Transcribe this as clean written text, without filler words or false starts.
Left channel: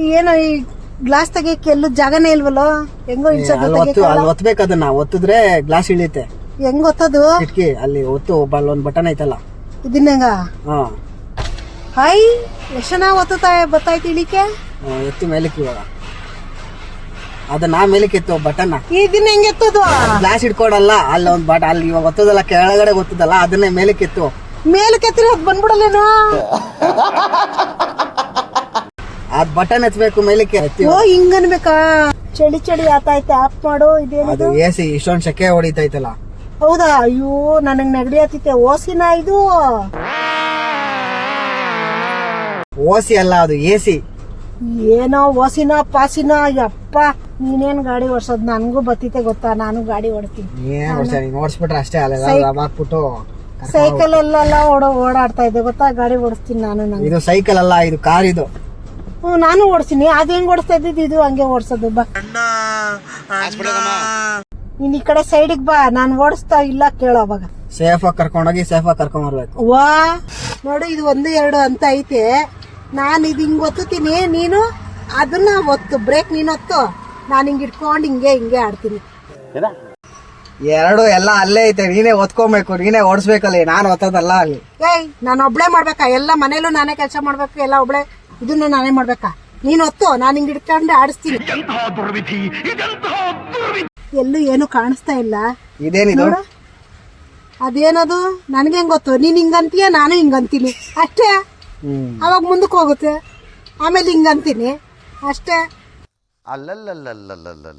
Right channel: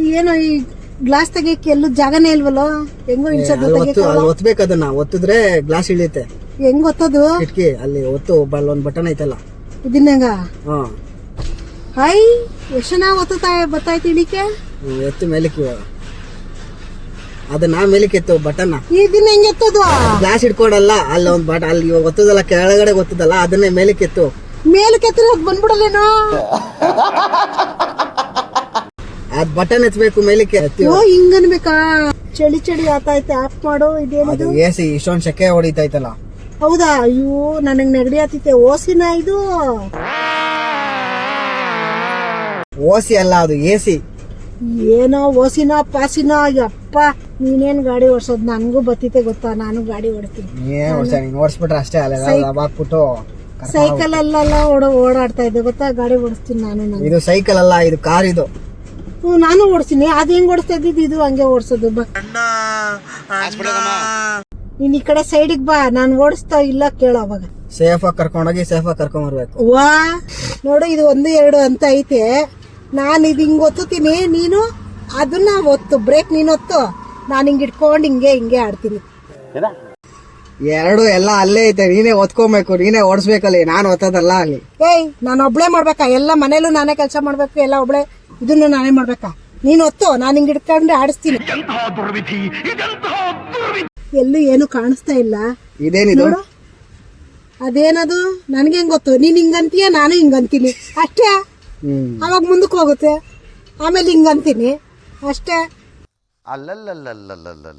ಏನೋ ಈ ಗ್ಲಾಸ್ ತೆಗಿಯಕ್ಕೆ ಎಲ್ಲೂ ಜಾಗನೇ ಇಲ್ವಲ್ಲ, ಹೆಂಗೋ ಅಲ್ಲಿ ಒತ್ತಬೇಕು, ಅದನ್ನ ಒತ್ತಿದ್ರೆ ಗ್ಲಾಸ್ ಇಳಿಯುತ್ತೆ. ಹೆಂಗ್ ಒತ್ತದು? ಕಿಟಕಿ ಅಲ್ಲಿ ಒತ್ತು, ಒಂದ್ ಬಟನ್ ಐತಲ್ಲ ಇದನ್ನಂಗ. ಹೈ ಎಷ್ಟು ಚೆನ್ನಾಗಿ ಬತ್ತಾಯ್ತು ಇಳಿಕೆ. ಎತ್ತು ಮೇಲಕ್ಕೆ, ಇವಾಗ ಅದನ್ನ ಮೇಲಕ್ಕೆ ಎತ್ತು ಬಟನ್. ಇದನ್ನ ಹೆಂಗ್ ಎತ್ತದು? ಗ್ಲಾಸ್ ಇಟ್ಕೊಡಲ್ಲ, ಅಲ್ಲಿ ಒಂದ್ ಬಟ ಅಲ್ಲಿ ಇವಾಗ ಒತ್ತದಲ್ಲ, ಕೆಳಗಡೆ ಗೊತ್ತದಲ್ಲ, ಅದನ್ನೇ ಮೇಲಕ್ಕೆ ಎತ್ತು. ಮೇಲಕ್ಕೆ ಎತ್ತಿರ ಅದ್ ಬಂದ್ಬಿಡಲ್ಲೇನು? ಅದ್ ಬಟನ್ ಎತ್ತಬೇಕು ಮೇಲಕ್ಕೆ. ಹಿಂಗ ಅನ್ಬೇಕಾ? ಚಳಿ ಚಳಿ ಆತಾಯ್ತು, ಆಫ್ ಮಾಡು. ಇದೇನು ಎಸಿ ಇಷ್ಟೊಂದ್ ಸೆಕೆ ಹೊಡಿತೈತಲ್ಲ. ಹೌದಾ? ಅಯ್ಯೋ ನನಗ್ ನೆಗಡಿ ಆತೈತೆ. ಓಸಿನ ಇದು? ಓಸಿ ಅಲ್ಲ, ಅದು ಎಸಿ. ಏನೋ ಓಸಿನ ಪಾಸಿನ? ಅಪ್ಪ ನೀನೇನ್ ಗಾಡಿ ಓಡಿಸೋದ್? ನನ್ಗೂ ಬತ್ತೈತೆ ಗೊತ್ತಾ, ನಾನು ಗಾಡಿ ಓಡಿಸ್ತೀನಿ. ನೀನ್ ಓಡಿಸ್ಬಿಟ್ರೆ ಅಷ್ಟೇ, ಅಲ್ಲಾಕ್ಬಿಟ್ಟು ಸೈಕಲ್ ಎಲ್ಲ ಓಡಾಡ್ತಾ ಇದ್ದೆ ಗೊತ್ತಾ, ಗಾಡಿ ಓಡಿಸ್ತೀನಿ ನಾನು. ಇದು ಸೈಕಲ್ ಅಲ್ಲ, ಇದು ಕಾರ್. ಇದು ನಾನು ಓಡಿಸ್ತೀನಿ. ಅದ್ ಹೆಂಗ್ ಓಡಿಸ್ತಾ ಇದ್ದಿದ್ದು? ಇದು ಹಂಗೆ ಓಡಿಸೋದು. ಬಾ ನೀನ್ ಈ ಕಡೆ ಸೈಡಿಗೆ ಬಾ, ನಾನ್ ಓಡಿಸ್ತಾ ಇಲ್ಲ ಕೇಳೋ. ಅವಾಗ ಸೇಫ್ ಆಗಿ ಕರ್ಕೊಂಡೋಗಿ ಸೇಫ್ ಆಗಿ ಕರ್ಕೊಂಡ್ ಬರ್ಬೇಕು. ವಾ ನೋಡು, ಇದು 1 2 ಅಂತ ಐತೆ. ನಾನು ಇದು ಹಿಂಗ್ ಒತ್ತುತ್ತೀನಿ, ನೀನು ಅದನ್ನ ಒತ್ತು. ಬ್ರೇಕ್ ನೀನ್ ಒತ್ತು, ನಾನು ಹಿಂಗ್ ಇಟ್ಕೊಂಡು ಹಿಂಗೆ ಆಡ್ತೀನಿ. ಎರಡು ಎಲ್ಲ ಅಲ್ಲೇ ಐತೆ, ನೀನೇ ಒತ್ಕೊಬೇಕು, ನೀನೇ ಓಡಿಸ್ಬೇಕಲ್ಲಿ, ನಾನು ಒತ್ತದಲ್ಲ ಅಲ್ಲಿ. ನಾನು ಒಬ್ಳೆ ಮಾಡ್ಬೇಕಾ? ಎಲ್ಲ ಮನೇಲೂ ನಾನೇ ಕೆಲಸ ಮಾಡ್ಬೇಕು, ಎಲ್ಲ ಒಬ್ಳೆ. ಇದನ್ನು ನಾನೇ ಮಾಡ್ಬೇಕಾ? ನೀನ್ ಒತ್ತು, ನಾನು ಹಿಂಗ್ ಇಟ್ಕೊಂಡು ಆಡಿಸ್ತೀನಿ. ಎಲ್ಲೂ ಏನು ಕಾಣಿಸ್ತಾ ಇಲ್ಲ. ಇದೇನಿದು? ಅದೇನದು? ನನ್ಗೆ ಹೆಂಗ್ ಗೊತ್ತು? ನೀನ್ ಹಿಂಗಂತೀಯ, ನಾನು ಹಿಂಗಂತೀನಿ ಅಷ್ಟೇ. ಅವಾಗ ಮುಂದಕ್ಕೆ ಹೋಗುತ್ತೆ, ಆಮೇಲೆ ಹಿಂಗಂತೀನಿ ಅಷ್ಟೇ. ಅಲ್ಲಲ್ಲಲ್ಲಲ್ಲಲ್ಲಲ್ಲ